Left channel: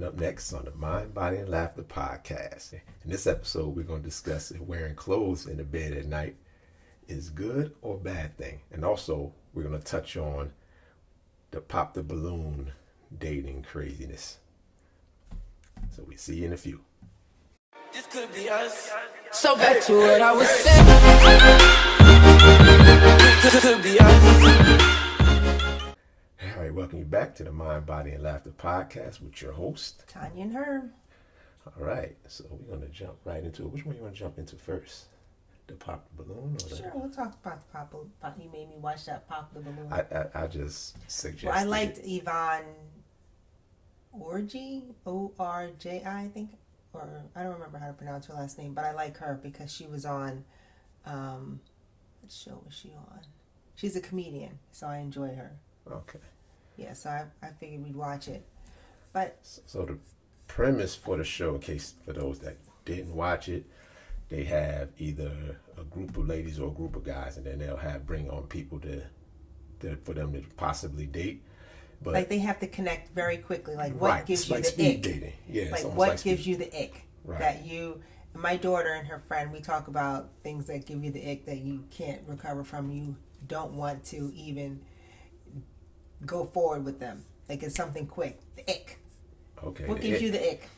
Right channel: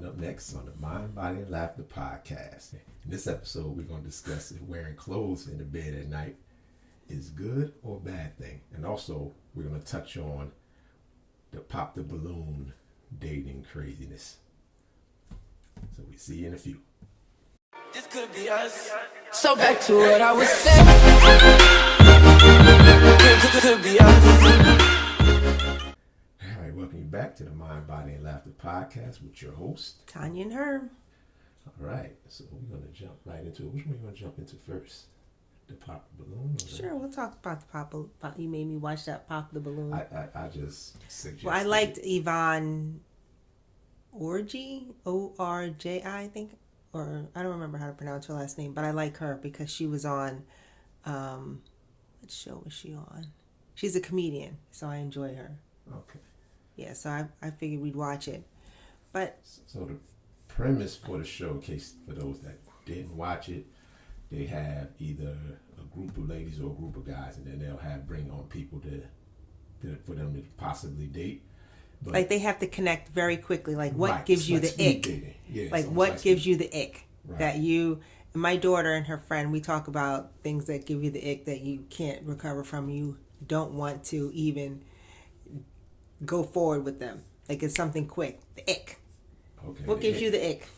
Coming up next on the Mind, Body, and Laughter podcast. In this episode, we're going to discuss if wearing clothes in the bed at night is good or bad thing. And also, we're going to touch on the pop the balloon dating craziness. So we see you in a few. This could be us. So back to what I was saying. Could be us. All right, welcome you back to the Mind, Body, and Laughter podcast with your host, Tanya and Herb. All right, so we're going to jump right into it. Which one you want to jump into first? The pop the balloon? Or Sure, we'll talk about the pop. You made me watch that Pop the Balloon. I just suggested. Well, I liked Yvonne Orji, O-R-J-I, I think. Or I don't remember how to pronounce her last name, but I like her because she was on, what show was she on? She's a comedian, so I enjoy her. Okay. Yeah, so I figured we'd watch it. But So the premise for the show, in case for those that didn't watch it, they have either a group of ladies or a group of guys, and then they'll bring on people to for them to possibly date. But like they have to connect very quickly. Like what gives you the ick? Dating. Yeah, like what gives you the ick? Right. That you, my daughter and her friend, we talk about things that give you the ick that you can't recover from. You don't want to even go forward with them. Like it's something quick. The ick. Okay. What gives you the ick?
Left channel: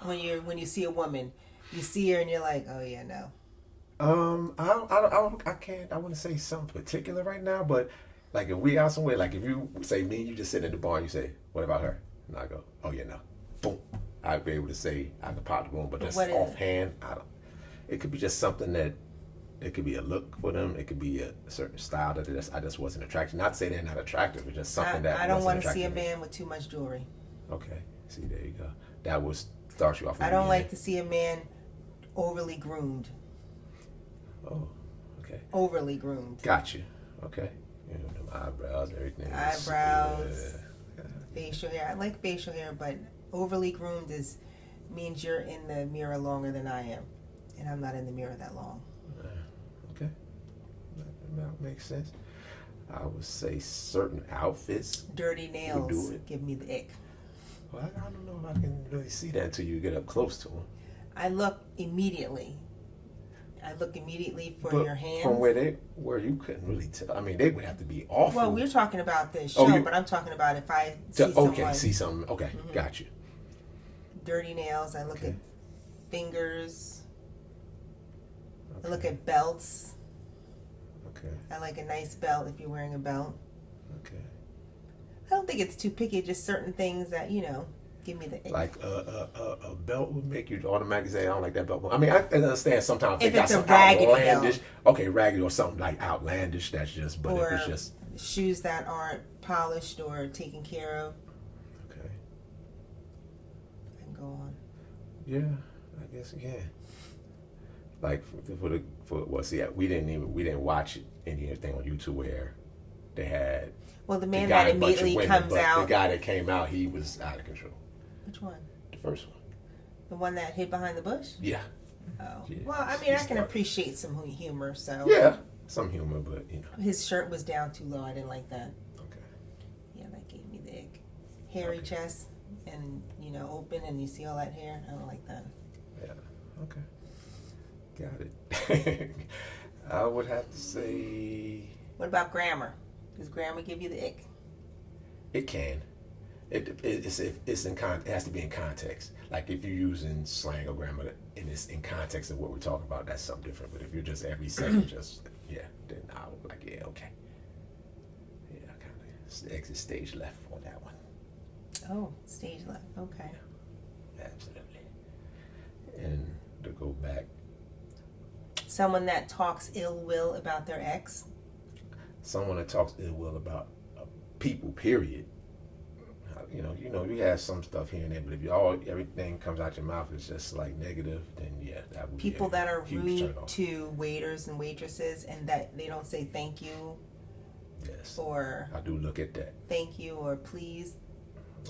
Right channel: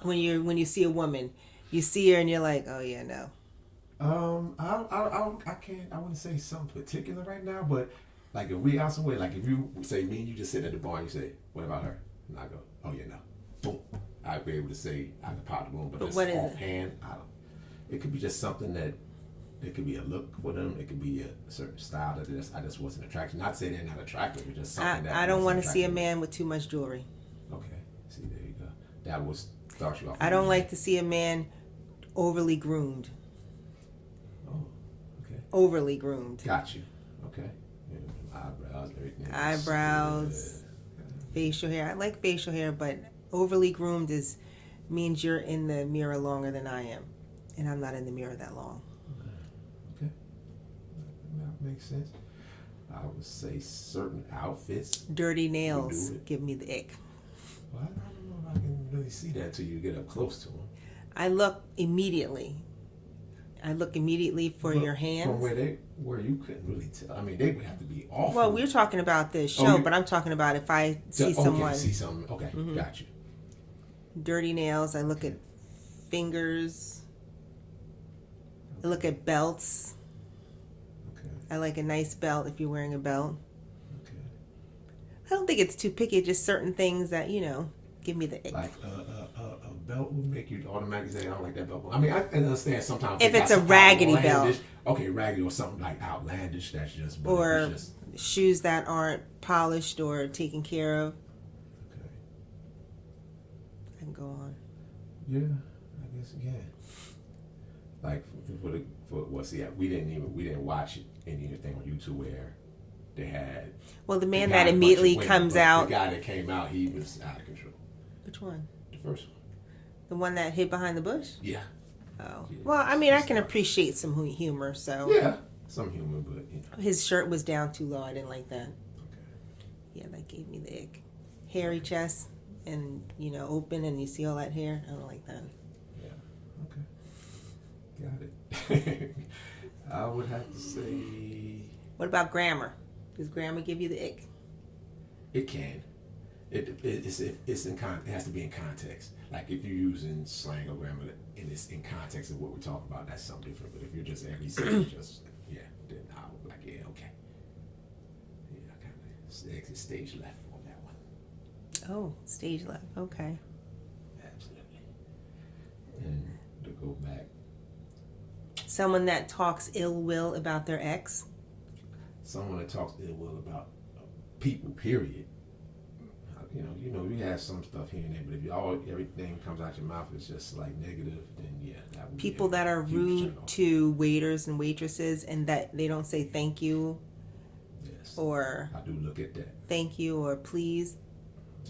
When you see a woman, you see her and you're like, oh yeah, no. I can't. I wouldn't say something particular right now, but like if we out somewhere, like if you say me and you just sit at the bar and you say, what about her? And I go, oh yeah, no. Boom. I'd be able to say I can pop the room, but that's offhand. It could be just something that. It could be a look for them. It could be a certain style that I just wasn't attracted. Not to say they're not attractive, it's just something that I don't want to see a man with too much jewelry. Okay, see, there you go. That would start you off. I don't like to see a man overly groomed. Oh, okay. Overly groomed. Got you. Okay. Eyebrows, everything. Eyebrows, facial hair. I like facial hair, but overly groomed means you're in the mirror longer than I am, and I'm not in the mirror that long. Okay, that makes sense. I would say certain outfits. Dirty nails give me the ick. Well, I don't know if I can really see that until you get up close to them. I look immediately for your hands. From where you couldn't really tell. I mean, they would have to be awful. Well, we're talking about this show, but I'm talking about if I see someone. Okay, see something. Okay, got you. Dirty nails. I look at fingers. I look at belts. Okay. I like a nice belt if you're wearing a belt. Okay. I don't think it's too picky. Just certain things that, give me the ick. Like a belt would make you automatically say, I don't like that belt. I mean, I understand sometimes. If it's a raggedy belt. Okay, raggedy or something like outlandish, that's just. But or if it's just, shoes that aren't polished or taken care of. Okay. I can go on. Yeah, I guess you can. Like we didn't watch anything on YouTube where they had. Well, the man that immediately comes out. The guy that came out, he was out of control. Which one? The first one. The one that hid behind the bush? Yeah. Oh. Yeah. Well, I mean, I can appreciate some humor, so. Yeah, some humor, but His shirt was down too low. I didn't like that. Okay. Yeah, that gave me the ick. Hairy chest and, open and you see all that hair. I don't like that. Yeah. Okay. Got it. I would have to say. What about grammar? Does grammar give you the ick? It can. It has to be in context. Like if you're using slang or grammar and it's in context of what we're talking about, that's something different. But if you're just every sentence, then I would be like, yeah, okay. Yeah, I kind of exit stage left on that one. Oh, stage left. Okay. Absolutely. And to go back. Someone that talks ill will about their ex. Someone that talks ill will about people, period. You have some stuff here and there, but if everything comes out your mouth is just like negative, then that would people that are rude to waiters and waitresses and that they don't say thank you. Yes. Or I do look at that. Thank you or please.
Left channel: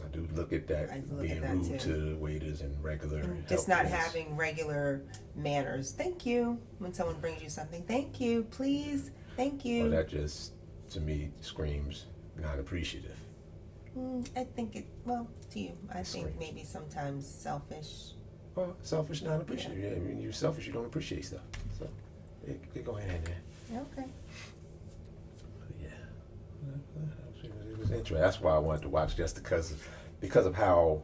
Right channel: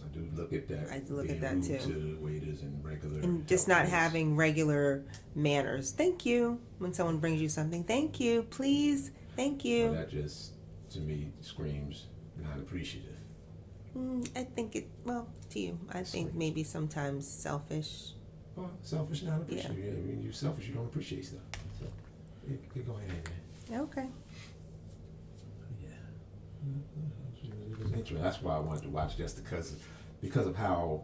I do look at that. I do look at that rude too. To waiters and regular. And just not having regular manners. Thank you when someone brings you something. Thank you, please. Thank you. Well, that just to me screams not appreciative. I think to you. I think maybe sometimes selfish. Well, selfish, not appreciative. Yeah. I mean, you're selfish, you don't appreciate stuff. So, it go hand in hand. Okay. Yeah. It was interesting. That's why I wanted to watch, just because of how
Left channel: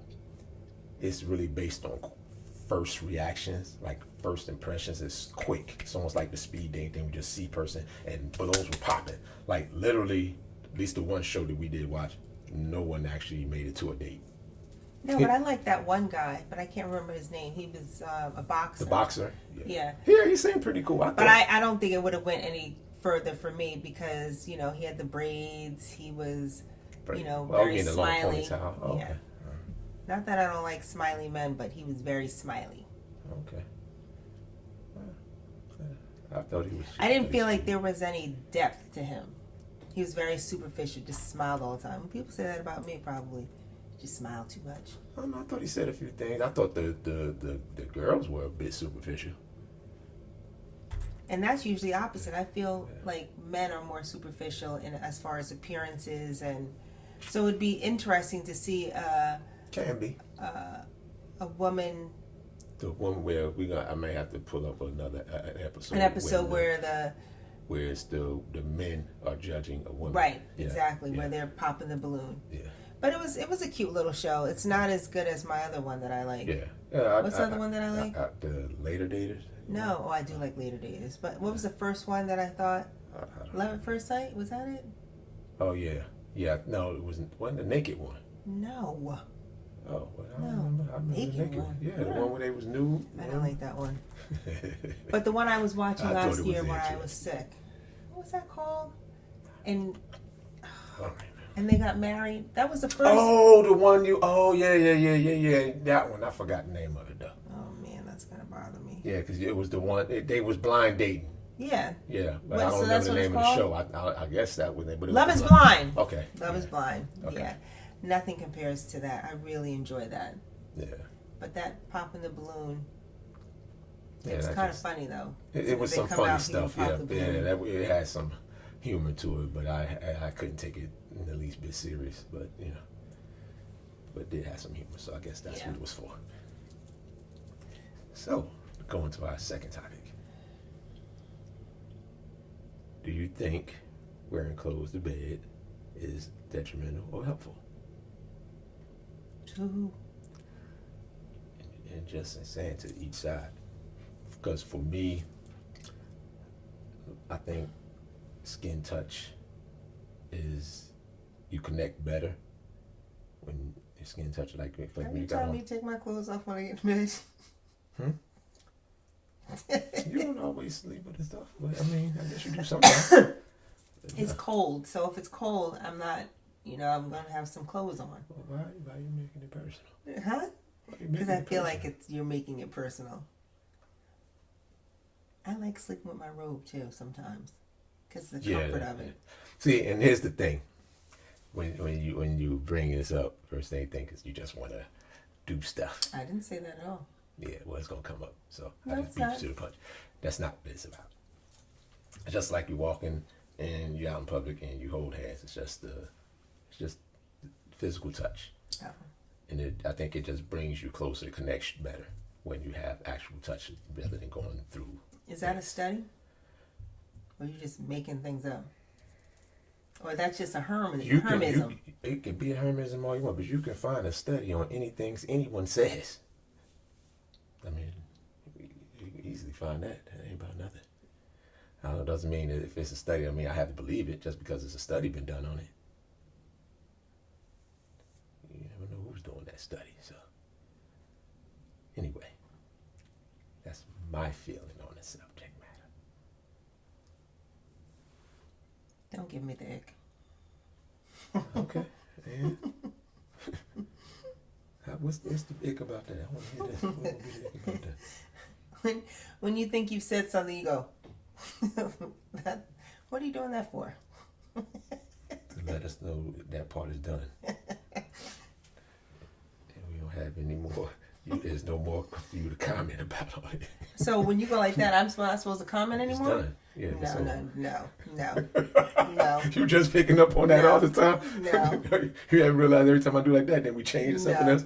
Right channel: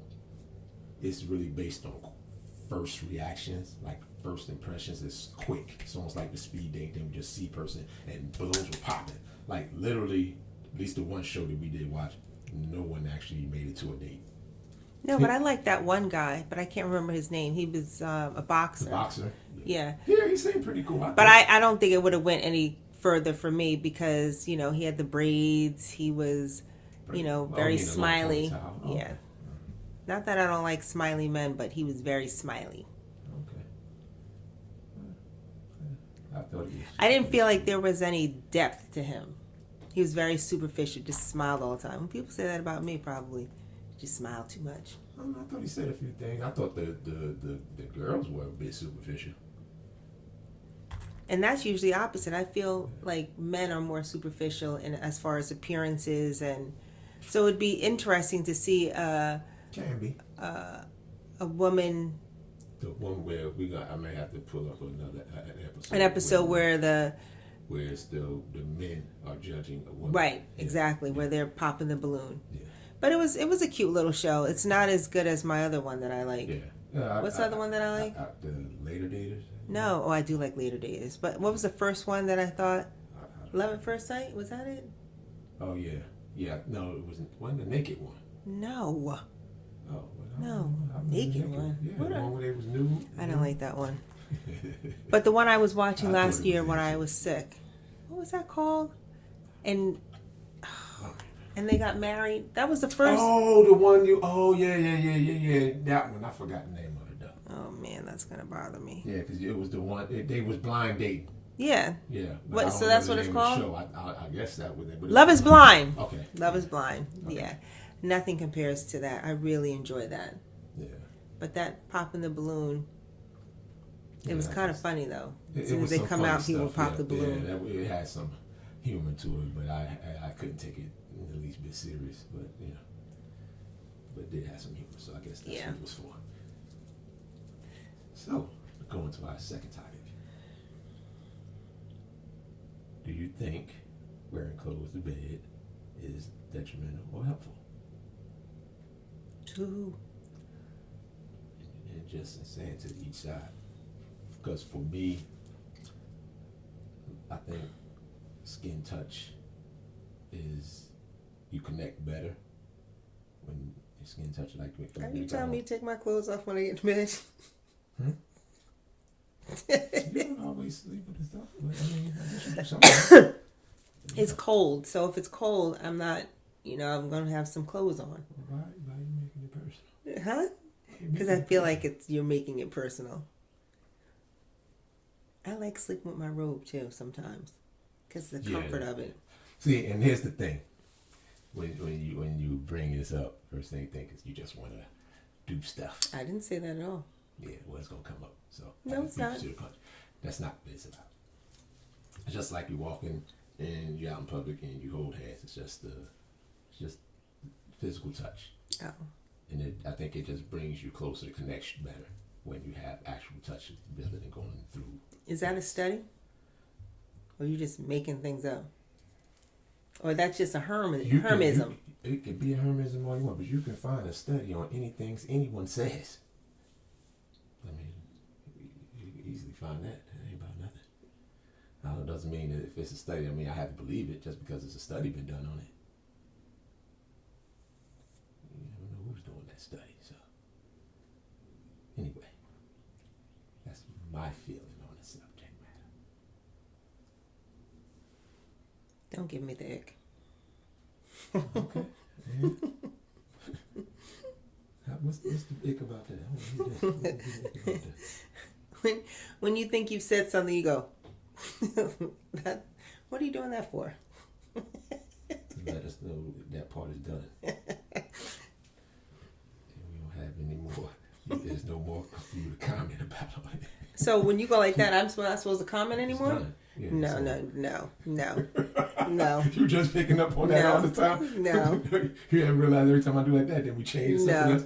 it's really based on first reactions, like first impressions. Is quick. It's almost like the speed dating thing. We just see person and balloons were popping. Like literally, at least the one show that we did watch, no one actually made it to a date. No, but I like that one guy, but I can't remember his name. He was a boxer. The boxer. Yeah. Yeah, he seemed pretty cool. But I don't think it would have went any further for me because he had the braids. He was, very smiley. Okay. Yeah. Not that I don't like smiley men, but he was very smiley. Okay. I thought he was. I didn't feel like there was any depth to him. He was very superficial, just smiled all the time. When people say that about me, probably just smile too much. I thought he said a few things. I thought the girls were a bit superficial. And that's usually opposite. I feel like men are more superficial in as far as appearances, and so it'd be interesting to see. Can be. A woman. The one where I may have to pull up another episode. An episode where it's the men are judging a woman. Right, exactly, where they're popping the balloon. Yeah. But it was a cute little show. It's not as good as my other one that I like. Yeah. What's the other one that I like? The Later Daters. No, I do like Later Daters. But what was the first one that I thought? Love at First Sight? Was that it? Oh yeah, yeah. No, it wasn't the naked one. No. Oh, well, No, naked one. Yeah, the one where they was nude. I don't like that one. But the one I was watching last year when I was sick. What was that called? And they got married. That was the first. Oh, the one you. Oh yeah. That one. I forgot the name of it though. Oh man, that's gonna bother me. Yeah, because it was the one. They was blind dating. Yeah. Yeah. What? So that's what it's called. I guess that was it. Love is Blind. Okay. Love is Blind. Okay. Yeah. Nothing compares to that. I really enjoy that. Yeah. But that popping the balloon, it was kind of funny though. It was they some come funny out, stuff. he would pop the balloon. Yeah, it had some humor to it, but I couldn't take it in the least bit serious. But but it did have some humor, so I guess that's what it was for. So, going to our second topic. Do you think wearing clothes to bed is detrimental or helpful? To who? And just saying to each side. Because for me, I think skin touch is, you connect better when your skin touch like Are you telling me to take my clothes off when I get to bed? You don't always sleep with the stuff, but I mean, I guess you do something. It's cold, so if it's cold, I'm not, I'm gonna have some clothes on. Why are you making it personal? Huh? Because I feel like you're making it personal. I like sleeping with my robe too sometimes, because the comfort of it. See, and here's the thing: when you bring this up, first thing you think is you just want to do stuff. I didn't say that at all. Yeah, well, it's gonna come up. So no, it's not. To the punch. That's not what it's about. It's just like you walking and you're out in public and you hold hands. It's just physical touch. Oh. And I think it just brings you closer, connection better when you have actual touch rather than going through. Is that a study? Or are you just making things up? Or that's just a hermism? It could be a hermism all you want, but you can find a study on anything anyone says. I mean, you can easily find that. That ain't about nothing. It doesn't mean that if it's a study, I have to believe it just because it's a study been done on it. You never know who's doing that study. So, anyway, that's my feeling on the subject matter. Don't give me the ick. Okay. Yeah. What's the ick about that? I want to hear that. When you think you've said something, you go, what are you doing that for? To let us know that part is done. And we don't have any more. There's no more for you to comment about on it. So when you go like that, I'm not supposed to comment It's anymore? done. Yeah, No. You just picking up on that all the time? No. You haven't realized every time I do like that, then we change to something else?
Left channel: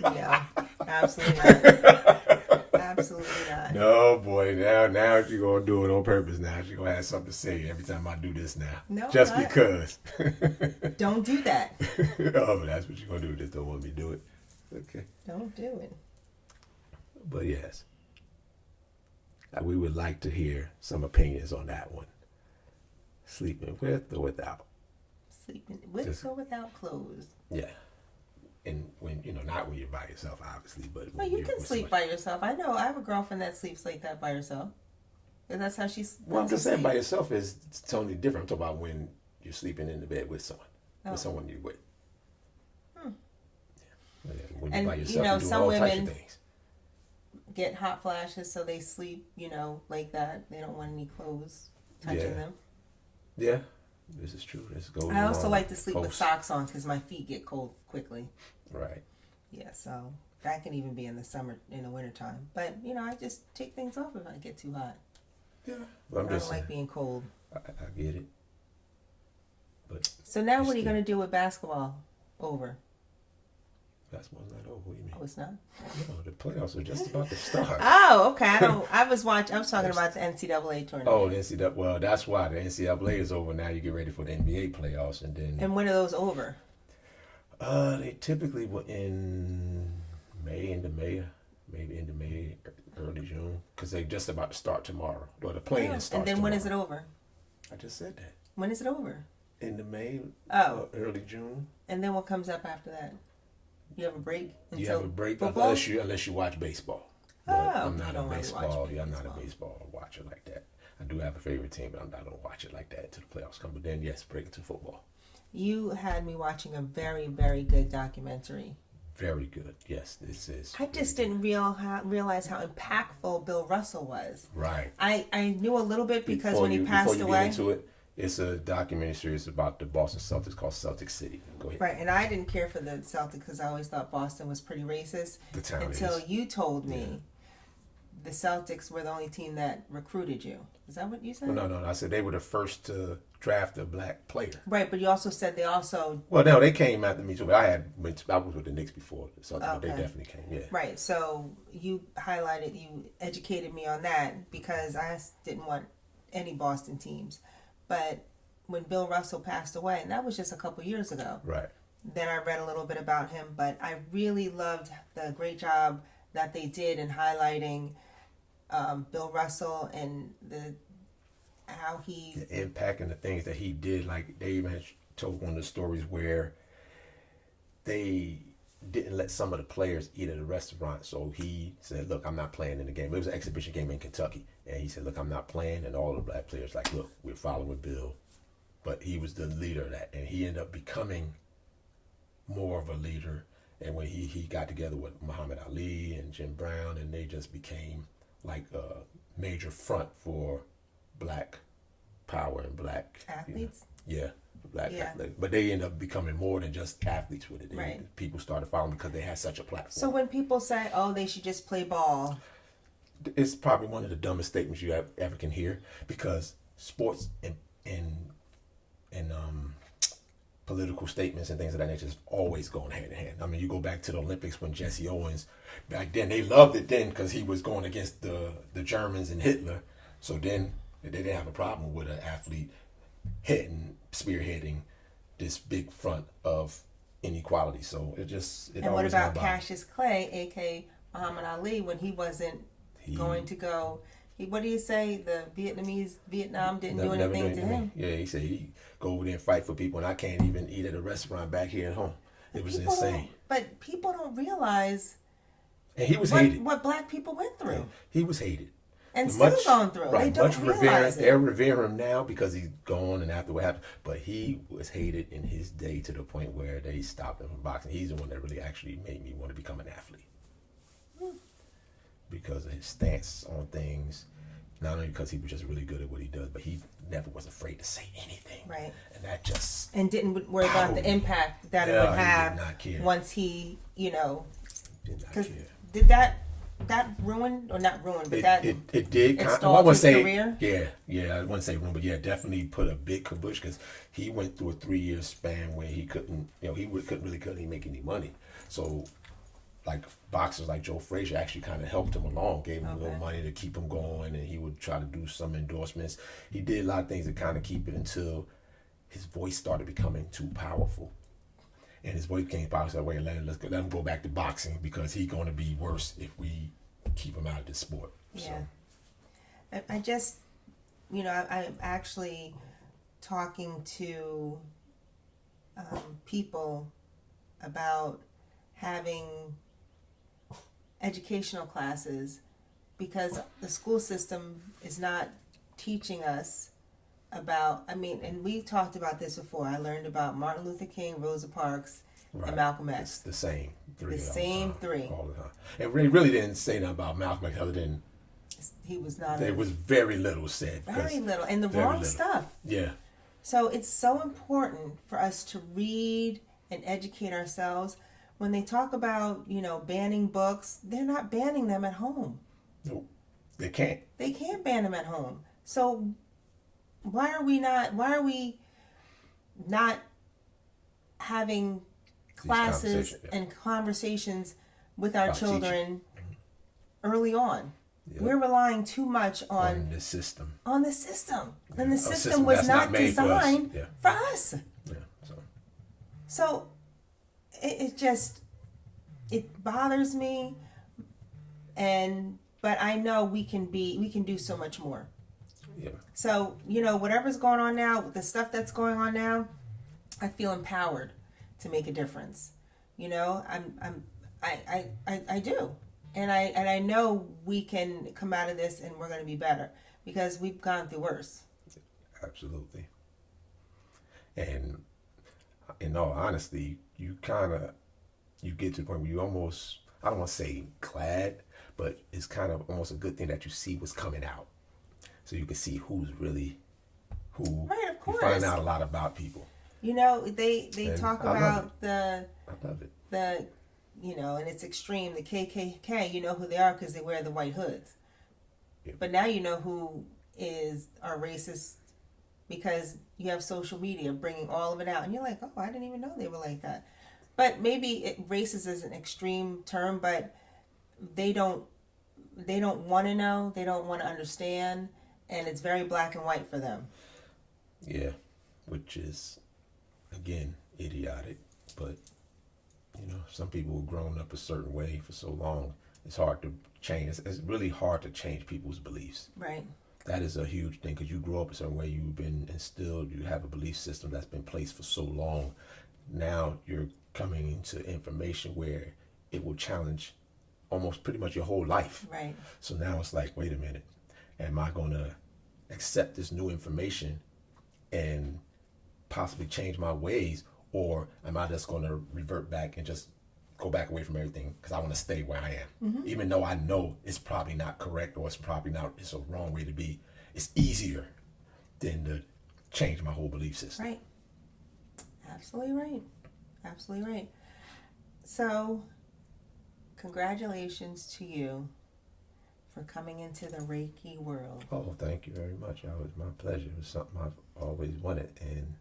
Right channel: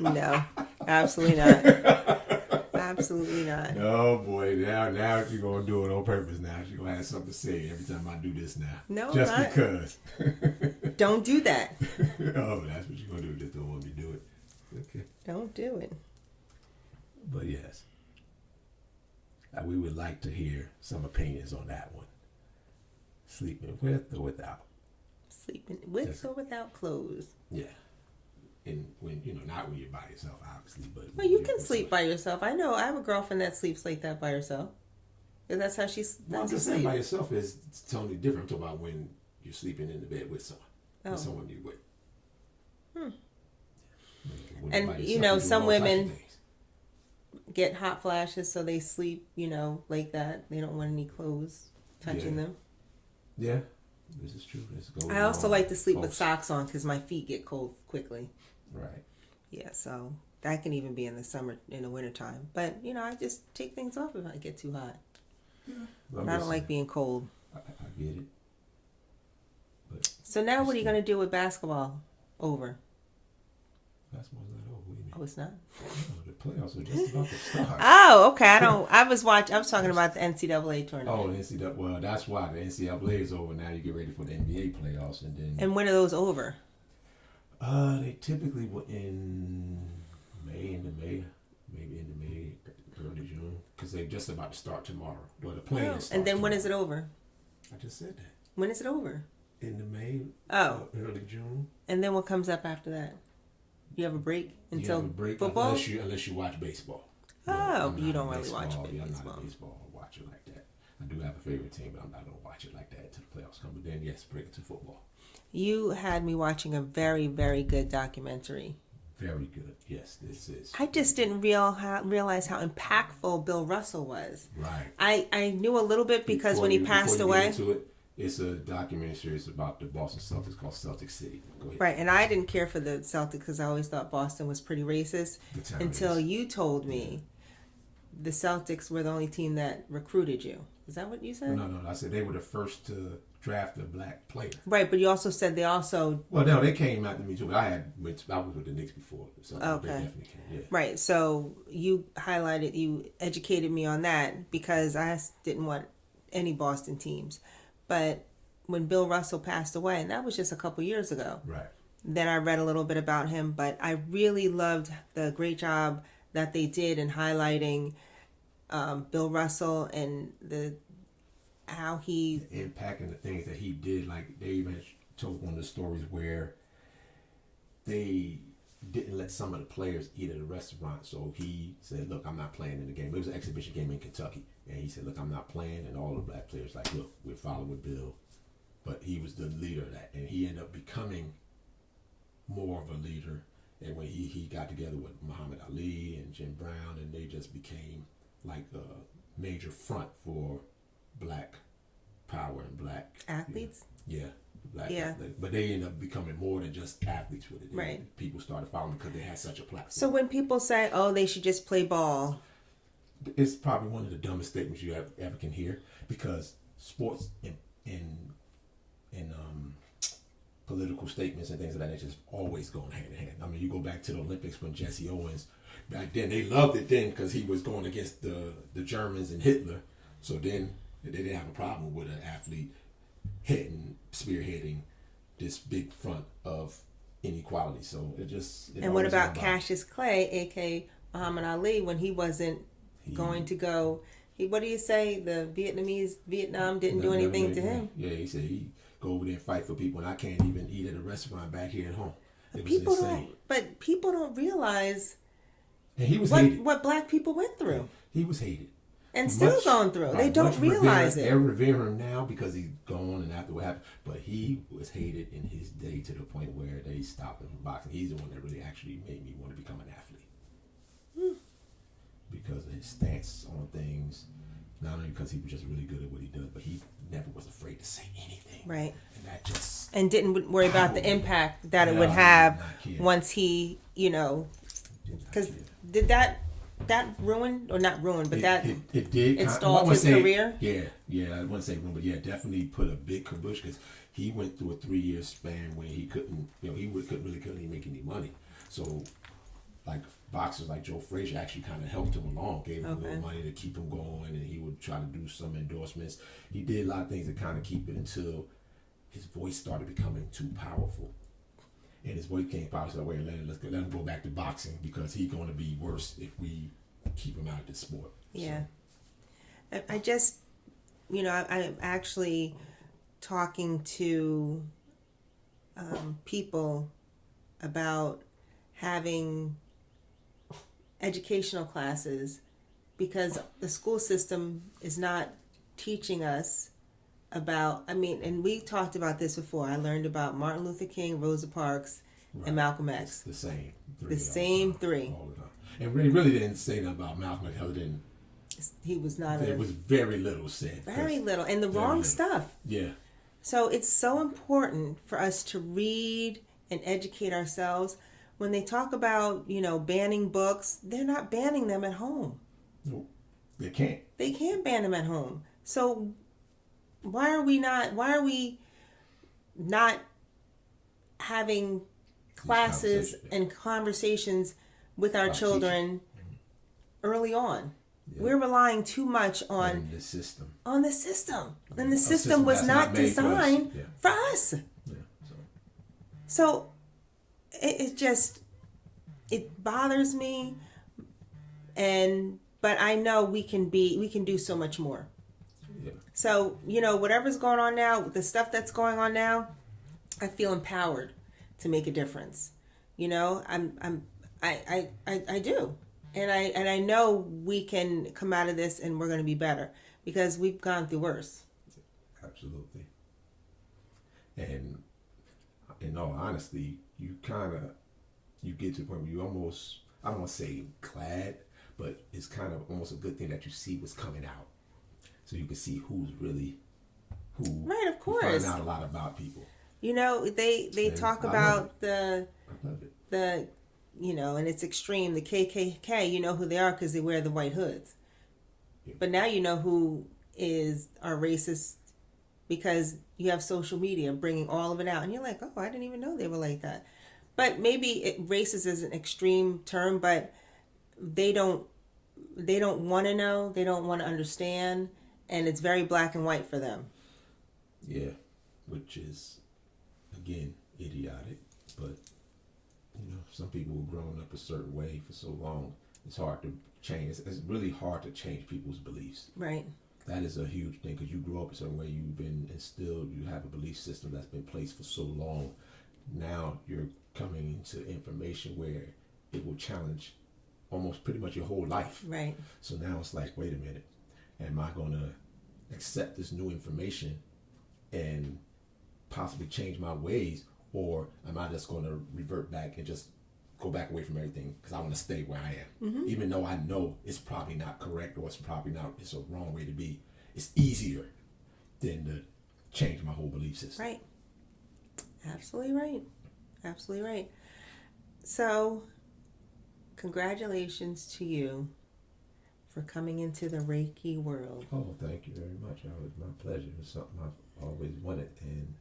No. Absolutely not. Absolutely not. No, boy. Now you're going to do it on purpose now. You're going to have something to say every time I do this now. No, just not. Because. Don't do that. Oh, that's what you're going to do. Just don't want me to do it. Okay. Don't do it. But yes. We would like to hear some opinions on that one. Sleeping with or without? Sleeping with or without clothes? Yeah. And when, not when you're by yourself, obviously, but... Well, you can sleep by yourself. I know. I have a girlfriend that sleeps like that by herself. Because that's how she's... Well, I'm just saying by yourself is totally different. I'm talking about when you're sleeping in the bed with someone. With someone you're with. When you're by yourself, some women get hot flashes, so they sleep, like that. They don't want any clothes touching them. Yeah, this is true. I also like to sleep with socks on because my feet get cold quickly. Right. Yeah, so that can even be in the summer, in the wintertime. But, I just take things off if I get too hot. Yeah. Well, I don't like being cold. I get it. But so now what are you going to do with basketball over? Basketball's not over. What do you mean? Oh, it's not? No, the playoffs are just about to start. Oh, okay. I was talking about the NCAA tournament. Oh, the NCAA. Well, that's why the NCAA is over. Now you get ready for the NBA playoffs, and then. And when are those over? They typically will end maybe end of May, early June, because they're just about to start tomorrow. Well, the playing starts. And then tomorrow. when is it over? I just said that. When is it over? End of May. Early June. And then what comes up after that? You have a break until you have a break football? unless you watch baseball. Oh, you don't really watch baseball. I'm not a baseball watcher like that. I do have a favorite team, but I'm not going to watch it like that until the playoffs come. But then, yes, break it to football. You had me watching a very, very good documentary. Very good. Yes, this is. I just didn't realize how impactful Bill Russell was. Right. I knew a little bit because when he passed away. Get into it, it's a documentary series about the Boston Celtics called Celtic City. Go ahead. Right, and I didn't care for the Celtics because I always thought Boston was pretty racist until you told me the Celtics were the only team that recruited you. Is that what you said? No. I said they were the first to draft a black player. Right, but you also said they also... Well, no, they came after me too, but I was with the Knicks before, so they definitely came, yeah. Right, so you educated me on that because I didn't want any Boston teams. But when Bill Russell passed away, and that was just a couple years ago. Right. Then I read a little bit about him, but I really loved the great job that they did in highlighting Bill Russell and how he... The impact and the things that he did. Like, they even told one of the stories where they didn't let some of the players eat at a restaurant. So he said, look, I'm not playing in the game. It was an exhibition game in Kentucky. And he said, look, I'm not playing. And all the black players like, look, we're following Bill. But he was the leader of that. And he ended up becoming more of a leader. And when he got together with Muhammad Ali and Jim Brown, and they just became like a major front for black power and black athletes. Black athletes. But they ended up becoming more than just athletes with it. Right. People started following because they had such a platform. So when people say, "Oh, they should just play ball," it's probably one of the dumbest statements you ever can hear, because sports and political statements and things of that nature is always going hand in hand. I mean, you go back to the Olympics when Jesse Owens, back then, they loved it then because he was going against the Germans and Hitler. So then they didn't have a problem with an athlete spearheading this big front of inequality. So And what about Cassius Clay, a.k.a. Muhammad Ali, when he wasn't going to go? What do you say? The Vietnam didn't do anything to him. Yeah, he said he go over there and fight for people, and I can't even eat at a restaurant back here at home. It was insane. But people don't realize. And he was hated. What black people went through. Yeah, he was hated. And still going through. Right, they don't realize it. They revere him now because he's gone and after what happened. But he was hated in his day to the point where they stopped him from boxing. He's the one that really actually made me want to become an athlete. Because of his stance on things. Not only because he was just really good at what he does, but he never was afraid to say anything. Right. And that just... And didn't worry about the impact that it would have once he, Because did that that ruined, or not ruined, but it did installed his career? Yeah, I wouldn't say ruined, but yeah, definitely put a big kabush, because he went through a 3-year span where he couldn't, couldn't make any money. So, like, boxers like Joe Frazier actually kind of helped him along, gave him a little money to keep him going, and he would try to do some endorsements. He did a lot of things to kind of keep it until his voice started becoming too powerful. And his voice came powerful, so wait, let him go back to boxing, because he's going to be worse if we keep him out of this sport. Yeah. So. I just, I'm actually talking to people about having educational classes, because the school system is not teaching us about, and we talked about this before. I learned about Martin Luther King, Rosa Parks, and Malcolm X. It's the same three. The same three. All the time. And we really didn't say nothing about Malcolm X other than he was not. There was very little said. Very little, and the wrong stuff. Yeah. So it's so important for us to read and educate ourselves. When they talk about, banning books, they're not banning them at home. No, they can't. They can't ban them at home. So why are we not having classes and conversations with our children early on? Yeah. We're relying too much on the system. And the system was not designed for us. Yeah. So it bothers me, but I know we can do so much more. Yeah. So, whatever's going on now, the stuff that's going on now, I feel empowered to make a difference. I do. And I know we can come out of this and we're going to be better, because we've gone through worse. Absolutely. And in all honesty, you get to the point where you almost, I don't want to say glad, but it's kind of almost a good thing that you see what's coming out. So you can see who's really who. Right, of course. You find out a lot about people. They talk about I love it. And it's extreme, the KKK, you know who they are because they wear the white hoods. Yeah. But now you know who are racist, because you have social media bringing all of it out. And you're like, oh, I didn't even know they were like that. But maybe racist is an extreme term, but they don't want to know. They don't want to understand. And it's very black and white for them. Yeah, which is, again, idiotic. But, some people have grown up a certain way for so long. It's hard to change. It's really hard to change people's beliefs. Right. That is a huge thing, because you grow up a certain way. You've been instilled. You have a belief system that's been placed for so long. Now you're coming into information where it will challenge almost pretty much your whole life. Right. So now it's like, wait a minute. Am I going to accept this new information and possibly change my ways? Or am I just going to revert back and just go back away from everything because I want to stay where I am? Mm-hmm. Even though I know it's probably not correct, or it's a wrong way to be. It's easier than to change my whole belief system. Right. Absolutely right. Absolutely right. So, congratulations to you for coming into the Reiki world. Oh, thank you very much. It was my pleasure. It was something I've always wanted, and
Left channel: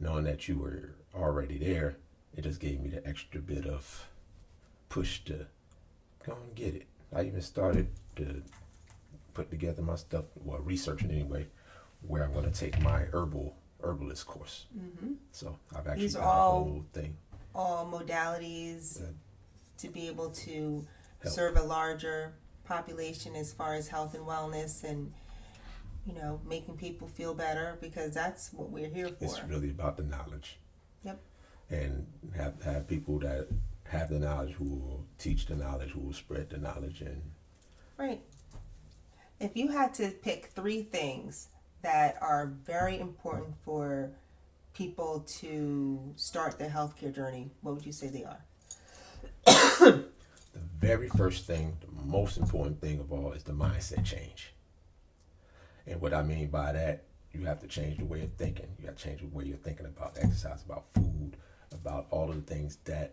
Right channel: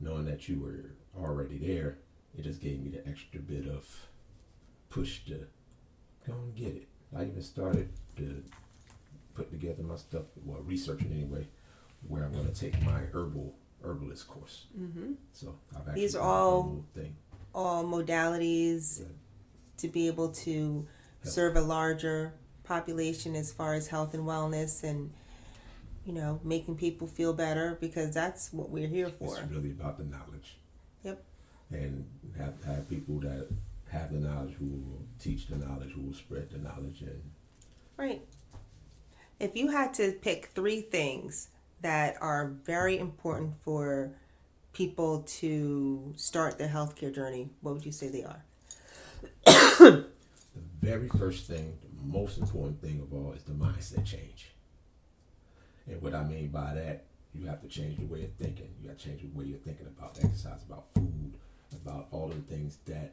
knowing that you were already there, it just gave me the extra bit of push to go and get it. I even started to put together my stuff, researching anyway, where I'm going to take my herbalist course. Mm-hmm. So I've actually these are all modalities to be able to serve a larger population as far as health and wellness, and making people feel better, because that's what we're here for. It's really about the knowledge. Yep. And have people that have the knowledge, who will teach the knowledge, who will spread the knowledge. And right. If you had to pick 3 things that are very important for people to start their healthcare journey, what would you say they are? The very first thing, the most important thing of all, is the mindset change. And what I mean by that, you have to change the way you're thinking. You have to change the way you're thinking about exercise, about food, about all of the things that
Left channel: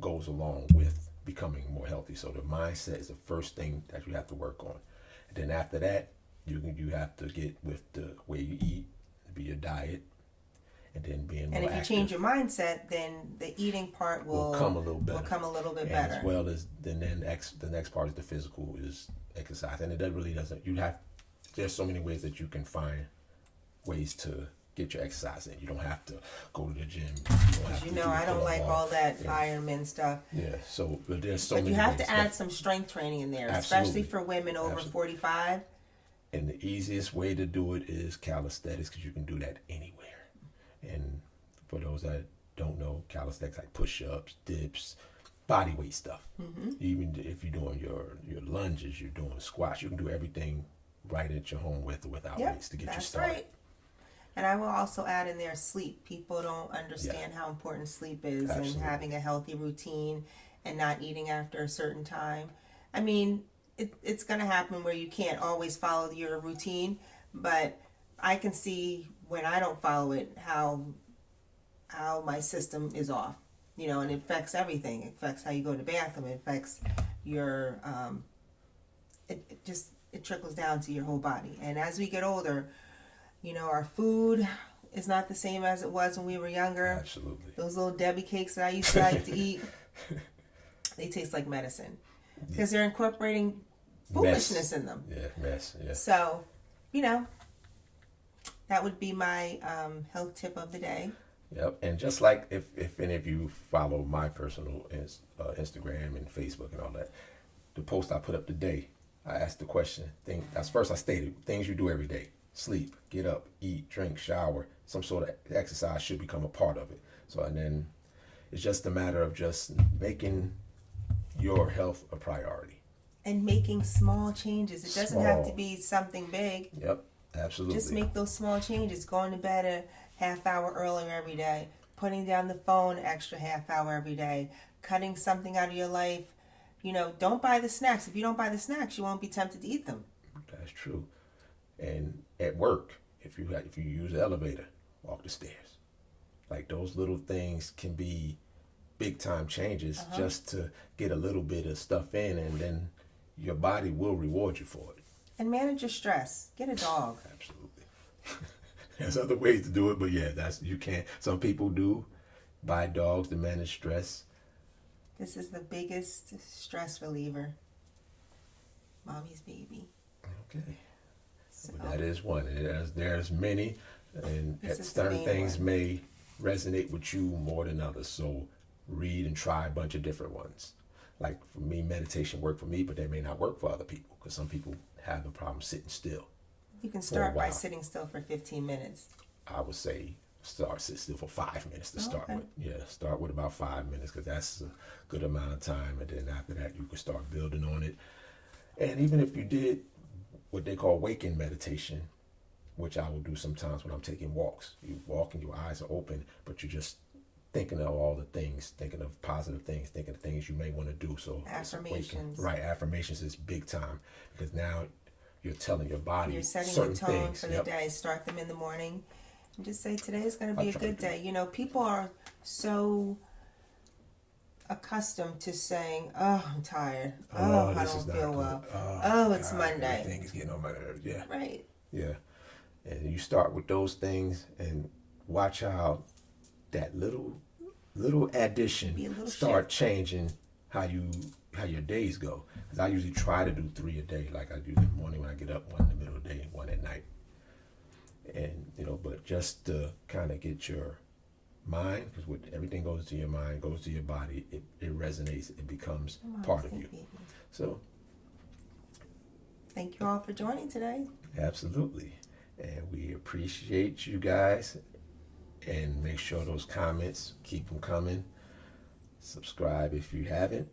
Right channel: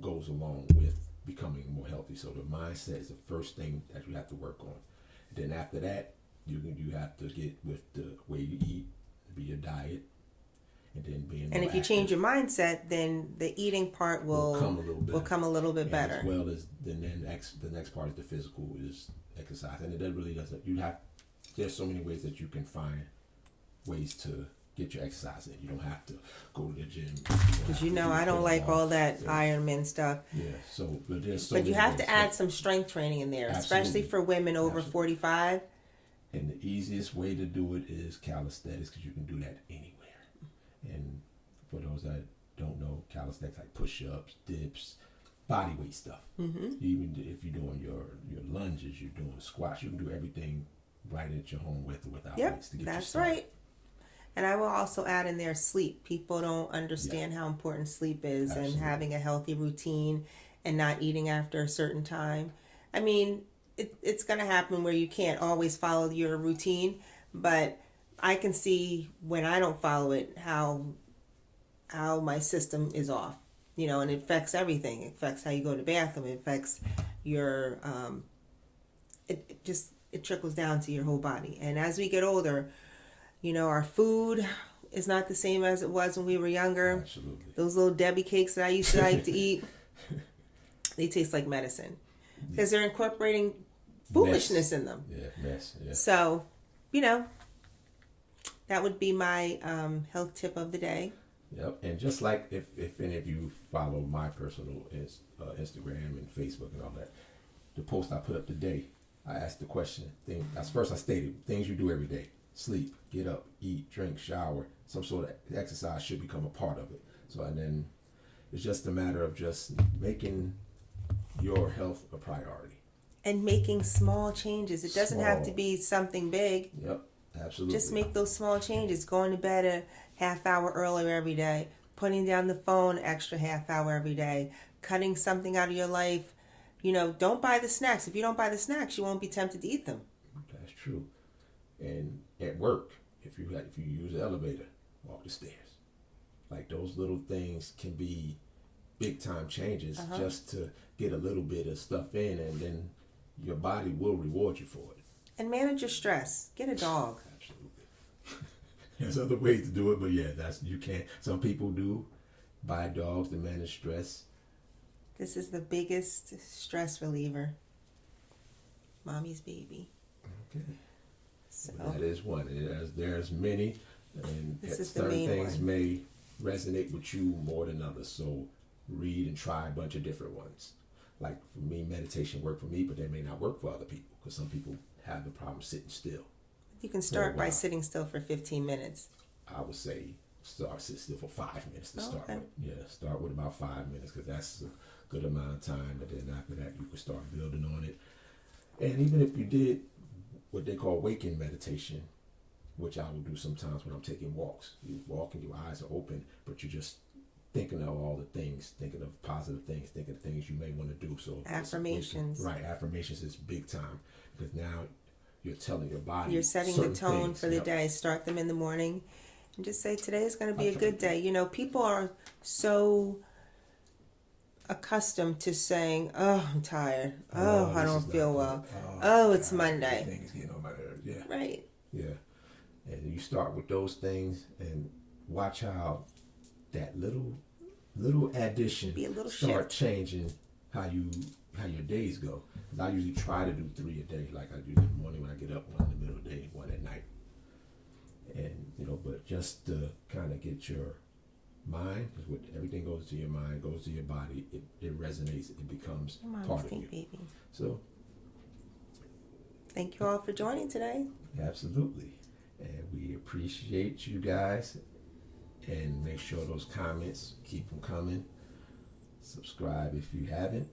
goes along with becoming more healthy. So the mindset is the first thing that you have to work on. And then after that, you have to get with the way you eat, be your diet, and then being more And if you active. change your mindset, then the eating part will come a little better. Will come a little bit and better. As well as the next part is the physical, is exercise, and it really doesn't. There's so many ways that you can find ways to get your exercise in. You don't have to go to the gym. Because I don't like all that Ironman stuff. Yeah. So, but there's so. But many you have ways to add some strength training in there, Absolutely. especially for women over 45. And the easiest way to do it is calisthenics, because you can do that anywhere. And for those that don't know, calisthenics like push-ups, dips, body weight stuff. Mm-hmm. Even if you're doing your lunges, you're doing squats, you can do everything right at your home with or without weights to get you started. That's right. And I will also add in there sleep. People don't understand how important sleep is. Absolutely. And having a healthy routine and not eating after a certain time. I mean, it's going to happen where you can't always follow your routine, but I can see when I don't follow it how my system is off, and it affects everything. It affects how you go to the bathroom. It affects your, it trickles down to your whole body. And as we get older, our food is not the same as it was when we were younger. Absolutely. Those little Debbie cakes that I used to like to eat, they taste like medicine. Because they're incorporating foolishness in them. Yeah, mess. Yeah. So, that would be my health tip of the day. Yep. And just like if any of you follow my personal Instagram and Facebook and all that, the post I put up today, I asked the question. First I stated things you do every day: sleep, get up, eat, drink, shower. Some sort of exercise should become a part of it. So, and then it's just a matter of just making your health a priority. And making small changes. It doesn't have to be something big. Yep, absolutely. Just make those small changes. Going to bed a half hour earlier every day. Putting down the phone extra half hour every day. Cutting something out of your life. Don't buy the snacks. If you don't buy the snacks, you won't be tempted to eat them. That's true. And at work, if you use the elevator, walk the stairs. Like those little things can be big time changes just to get a little bit of stuff in, and then your body will reward you for it. And manage your stress. Get a dog. Absolutely. There's other ways to do it, but you can't. Some people do buy dogs to manage stress. This is the biggest stress reliever. Mommy's baby. Okay. So that is one. There's many, and certain things may resonate with you more than others. So read and try a bunch of different ones. Like for me, meditation worked for me, but they may not work for other people, because some people have the problem sitting still. You can start by sitting still for 15 minutes. I would say sit still for 5 minutes to start with. Yeah, start with about 5 minutes, because that's a good amount of time. And then after that, you can start building on it. And even if you did what they call waking meditation, which I will do sometimes when I'm taking walks. You walk and your eyes are open, but you're just thinking of all the things, thinking of positive things, thinking of things you may want to do. So affirmations. Right, affirmations is big time, because now you're telling your body. You're setting the tone for the day. Start them in the morning and just say, today is going to be a good day. People are so accustomed to saying, oh, I'm tired. Oh, I don't feel well. Oh, it's Monday. Everything is getting on my nerves. Yeah. Right. Yeah. And you start with those things and watch how that little addition start changing how your days go. Because I usually try to do 3 a day. Like I do in the morning when I get up, 1 in the middle of the day, 1 at night. And but just to kind of get your mind, because everything goes to your mind, goes to your body, it resonates, it becomes part of you. Baby. So thank you all for joining today. Absolutely. And we appreciate you guys. And make sure those comments, keep them coming. Subscribe if you haven't.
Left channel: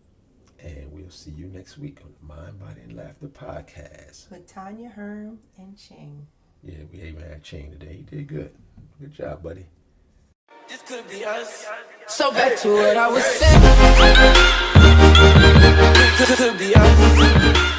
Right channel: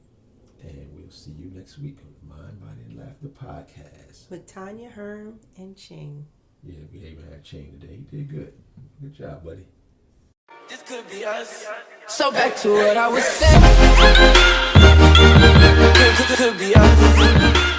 And we'll see you next week on the Mind, Body, and Laughter podcast. With Tanya, Herm, and Ching. Yeah, we even had Ching today. He did good. Good job, buddy. This could be us. So back to what I was saying. Could be us.